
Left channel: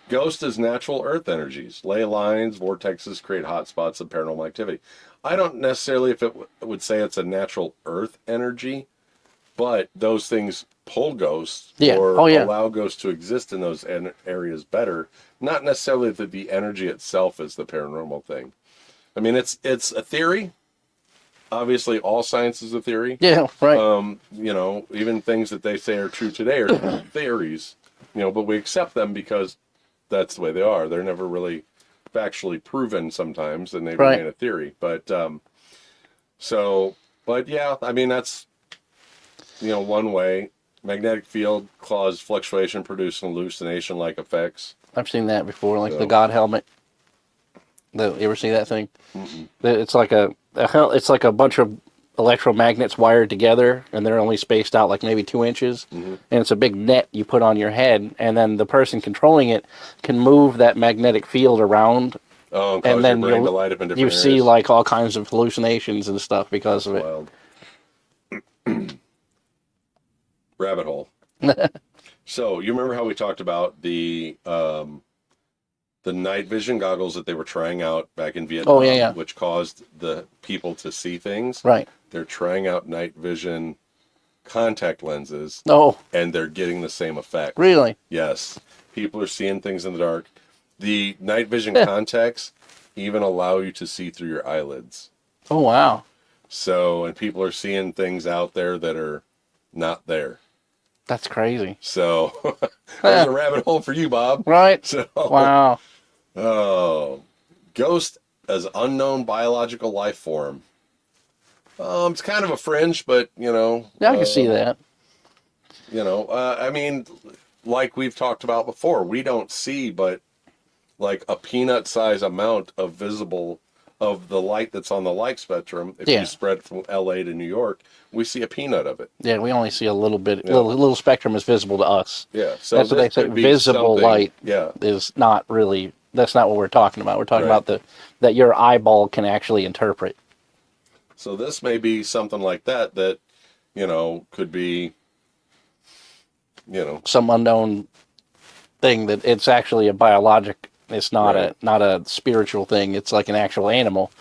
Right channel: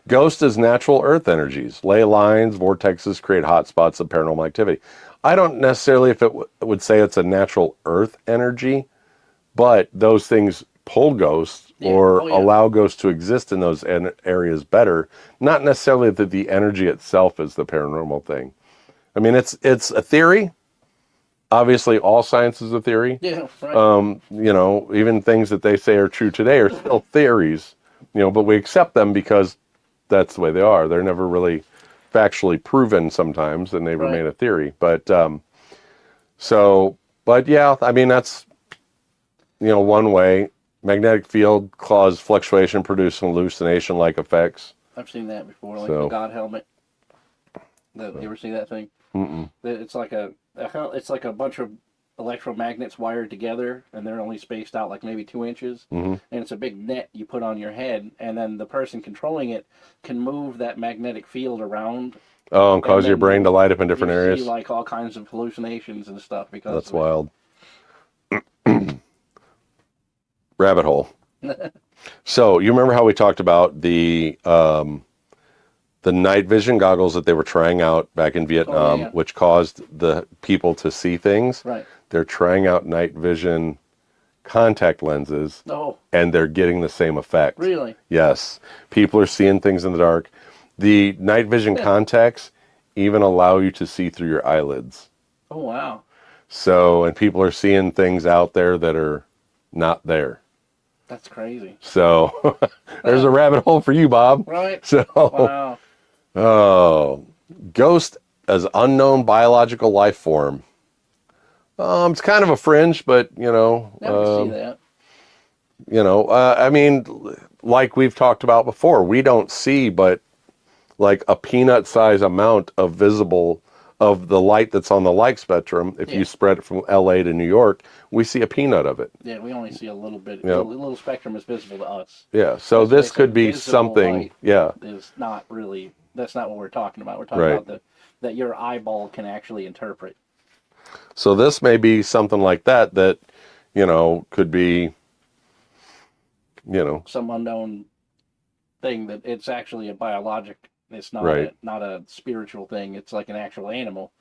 ghost is natural earth energies. Ley lines, vortexes create hot spots of paranormal activity. I don't necessarily if it would say it's a natural earth energy, but those things pull ghosts or allow ghosts to exist in those areas better. Not necessarily that the energy itself is the paranormal thing. I mean, it's a theory. Obviously, all science is a theory. Yeah, right. You know, even things that they say are true today are still theories. You know, but we accept them because that's the way they are. They're never really factually proven sometimes, and they remain a theory. But but yeah, I mean that's one way. Magnetic field cause fluctuation, produce hallucination-like effects. I've seen that before, like the God helmet. You ever see that thing? Mm-mm. It's like a bunch of electromagnets wired together, and they're only spaced out like maybe 2 inches. And it's a big net you put on your head, and then the person controlling it can move that magnetic field around. Oh, and cause your brain to light up in different areas. You see like all kinds of hallucinations and stuff because of it. That's wild. rabbit hole. So you remember how we talked about the night vision goggles that they were trying out back in Vietnam, which caused the people to see things? Right. They're trying out night vision contact lenses. Oh. And they're getting the same effect. Really? Yes. People are seeing things in the dark. The night vision contacts even allow you to see through your eyelids. Oh, wow. So, and people are seeing things out there that are not there. That's crazy. So, there's a rabbit hole for you, Bob. Right. So, wow. Oh, ghost as unknown biological life form. It's kind of a fringe, but, you know. Yeah, I can see that. You know, I mean, like we've talked about before, we don't see but like a peanut-sized amount of visible of the light that's on the light spectrum. If you spread it from LA to New York, we see a peanut of it. Yeah, we only see a little bit. Little spectrum is visible to us. Yeah, so this could be visible something. Light is not really. That's not what we're talking about. We're talking about that your eyeball can actually interpret. So this may be something like that, you know, could be, you know, some unknown thing that it's actually a biologic. It's not not a spiritual thing. It's like an actual animal,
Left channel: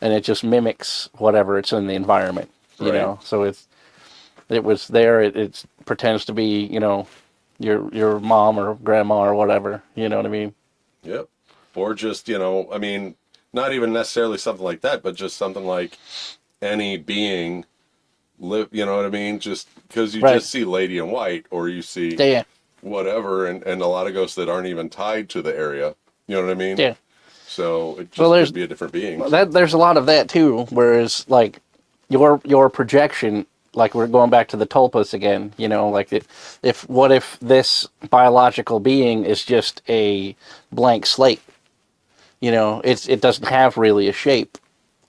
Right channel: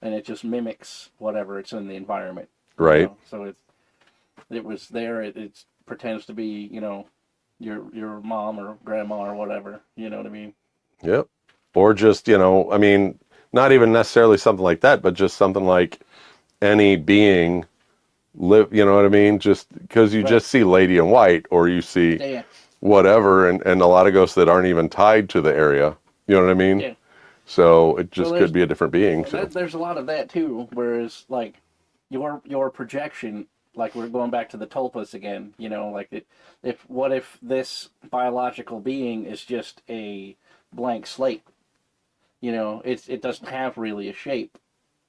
and it just mimics whatever it's in the environment. You know? So it was there. It pretends to be, you know, your mom or grandma or whatever. You know what I mean? Yep. Or just, you know, I mean, not even necessarily something like that, but just something like any being live, you know what I mean? Just because you just see Lady in White, or you see whatever, and a lot of ghosts that aren't even tied to the area. You know what I mean? Yeah. So it just could be a different being. There's a lot of that too. Whereas like your projection, like we're going back to the tulpas again. You know, like what if this biological being is just a blank slate? You know, it doesn't have really a shape,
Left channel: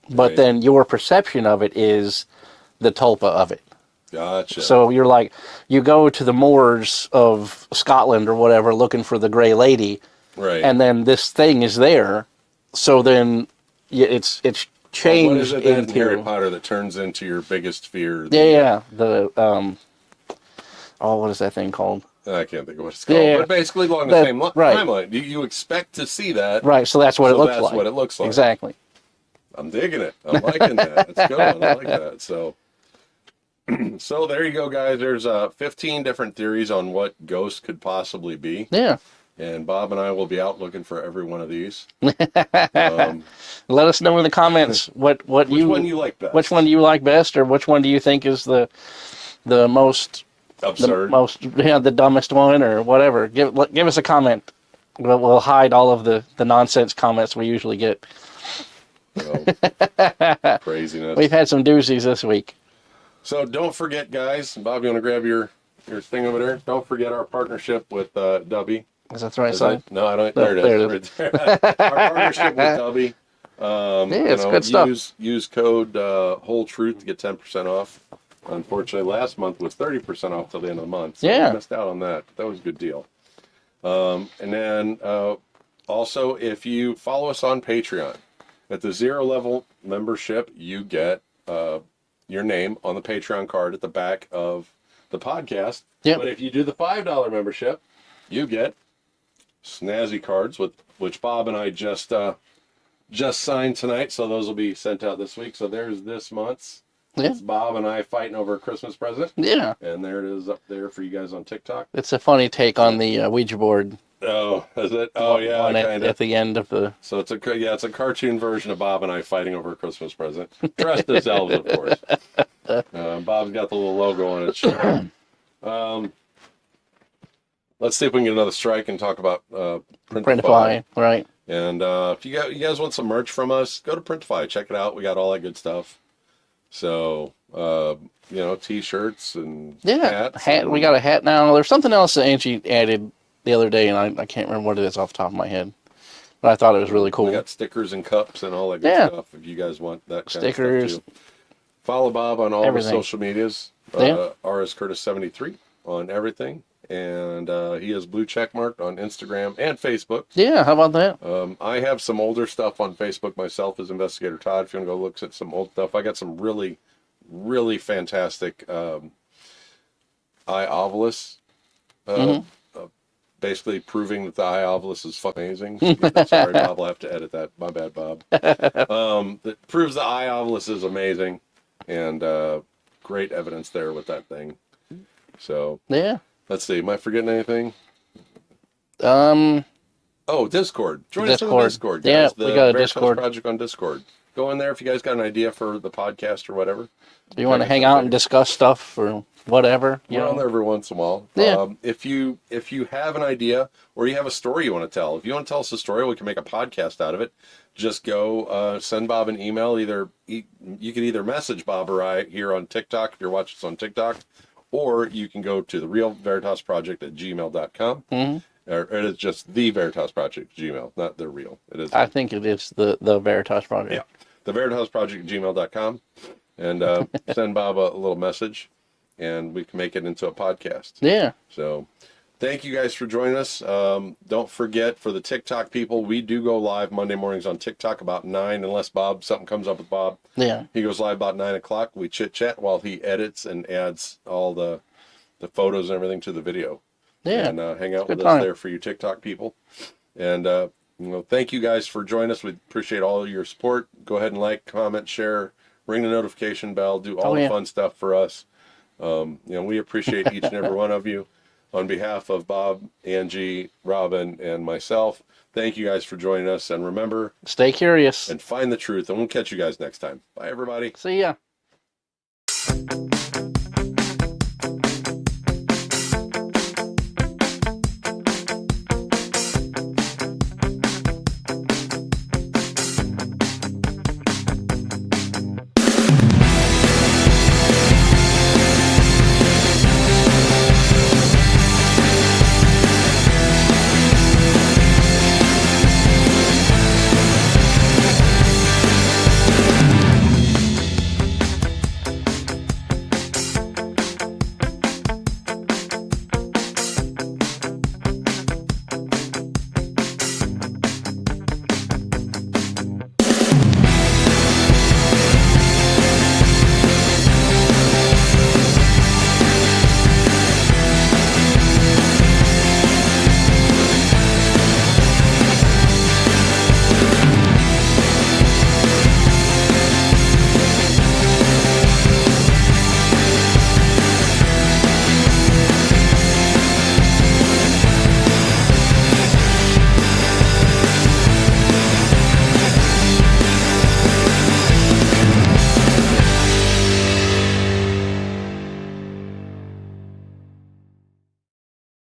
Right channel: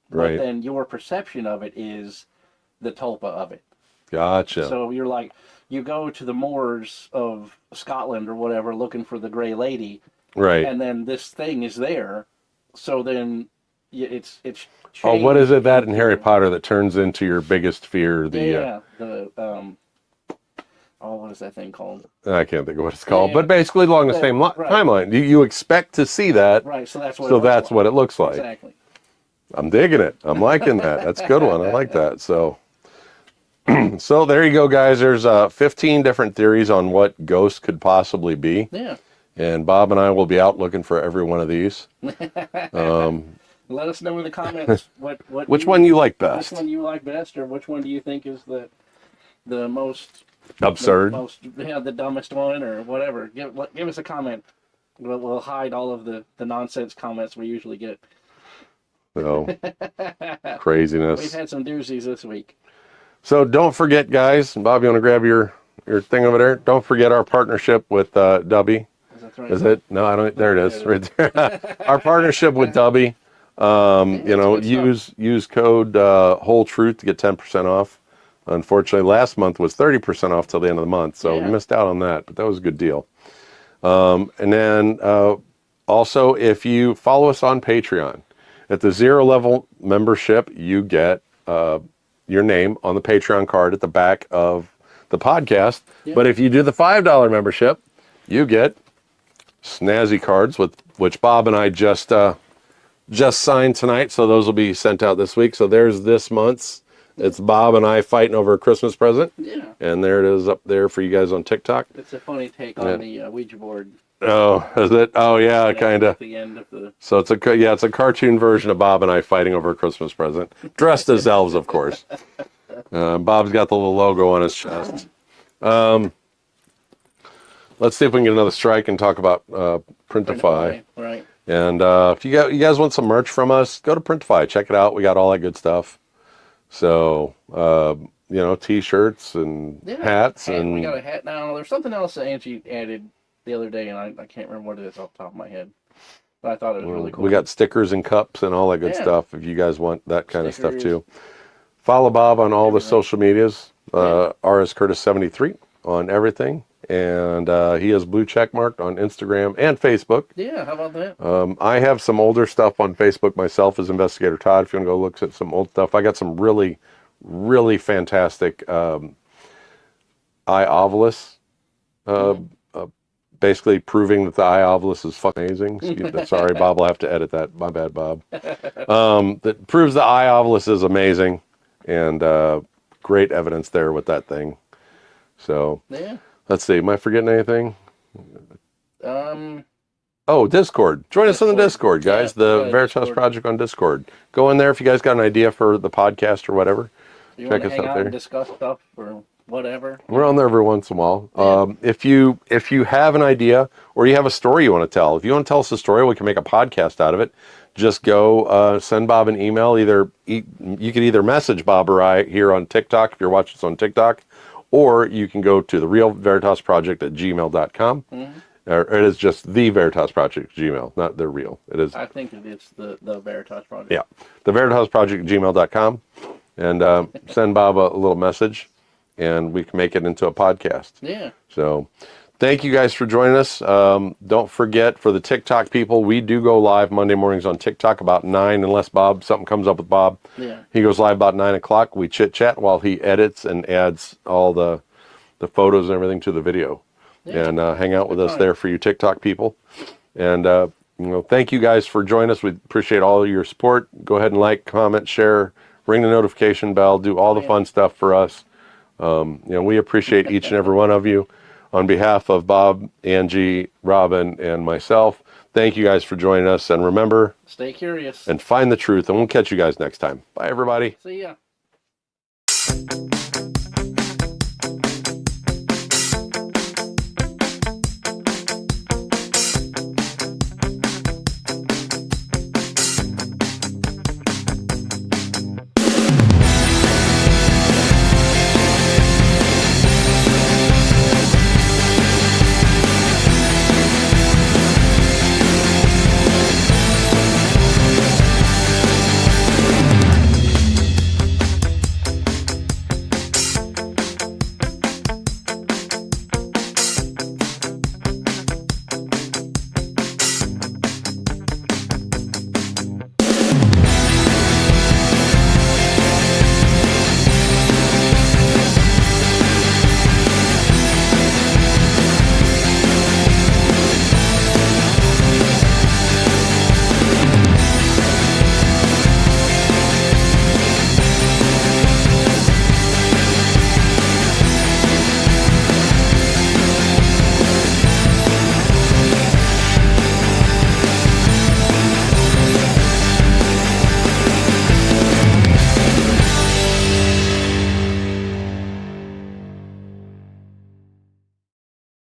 but then your perception of it is the tulpa of it. Gotcha. So you're like, you go to the moors of Scotland or whatever looking for the Grey Lady, and then this thing is there. So then it's changed. What is it that in Harry Potter that turns into your biggest fear? What is that thing called? I can't think of what it's called, but basically along the same timeline. You expect to see that. Right, so that's what it looks like. So that's what it looks like. Exactly. I'm digging it. I'm liking that. That's a good one. I like that. So there you go, guys. There's 15 different theories on what ghosts could possibly be. Yeah. And Bob and I will be out looking for every one of these. Let us know in the comments which one you like best. Which one do you like best, or which one do you think is the most absurd, the dumbest one, or whatever. Give us a comment. We'll hide all of the nonsense comments we usually get. Oh, craziness. We've had some doozies this week. So don't forget, guys. Bob, you want to grab your thing over there? Don't forget our partnership with Dubby. Is that right? Is it? No, I don't. There it is. Right there. Our partnership with Dubby. You know, use code Whole Truth to get 10% off. Unfortunately, last month was 30% off till the end of the month, so we missed out on that. But that was a good deal. And then also, if you follow us on Patreon, at the 0 level membership, you get your name on the Patreon card at the back of the podcast. Yep. But if you do the $5 membership, you get snazzy cards, which Bob and I just signed tonight, so those will be sent out this week. So there's this month's. Yeah. It's Bob and I fighting over a Christmas present. Yeah. And there it is up there for you guys on TikTok. It's a funny take on the Ouija board. Oh, is it? Oh, yeah, kind of. At the end of the... So it's a cartoon version of Bob and I fighting over a Christmas present. Dressed as elves, of course. Bob's got the little logo on his chest. Let's see if we can get another strike and talk about Printify. Right. And if you guys want some merch from us, go to Printify. Check it out. We got all that good stuff. So, you know, T-shirts and hats. We got a hat now. There's something else that Angie added the other day, and I can't remember what it is off the top of my head. But I thought it was really cool. We got stickers and cups and all that good stuff if you guys want that kind of stuff too. Follow Bob on all the social medias. RSCurtis73 on everything. And he is blue check marked on Instagram and Facebook. Yeah, how about that? I have some older stuff on Facebook myself as Investigator Todd. If you want to go look at some old stuff, I got some really, really fantastic eye ovilus, basically proving that the eye ovilus is fucking amazing. Sorry, Bob, I'll have to edit that. My bad, Bob. That proves the eye ovilus is amazing, and great evidence there with that thing. So Yeah. let's see. Am I forgetting anything? Oh, Discord. Join us on the Discord, guys. Yeah, the Veritas Project on Discord. Go in there if you guys got an idea for the podcast or whatever. You want to hang out and discuss stuff or whatever. We're on there every once in a while. Yeah. If you have an idea or you have a story you want to tell, if you want to tell us a story, we can make a podcast out of it. Just go send Bob an email. You could either message Bob or I here on TikTok if you're watching us on TikTok, or you can go to the Real Veritas Project at gmail.com. Mm-hmm. Or it is just the Veritas Project Gmail, not the real. It is. I think it is the Veritas Project. Yeah, the Veritas Project gmail.com, and send Bob a little message, and we can make it into a podcast. Yeah. So, thank you guys for joining us. Don't forget, for the TikTok people, we do go live Monday mornings on TikTok about 9, unless something comes up with Bob. Yeah. He goes live about 9 o'clock. We chit chat while he edits and adds all the photos and everything to the video. Yeah, and hang out with us there for you TikTok people. And, thank you guys for joining us. We appreciate all your support. Go ahead and like, comment, share, ring the notification bell, do all the fun stuff for us. We appreciate each and every one of you. On behalf of Bob, Angie, Robin, and myself, thank you guys for joining us. And remember, stay curious and find the truth. And we'll catch you guys next time. Bye, everybody. See ya.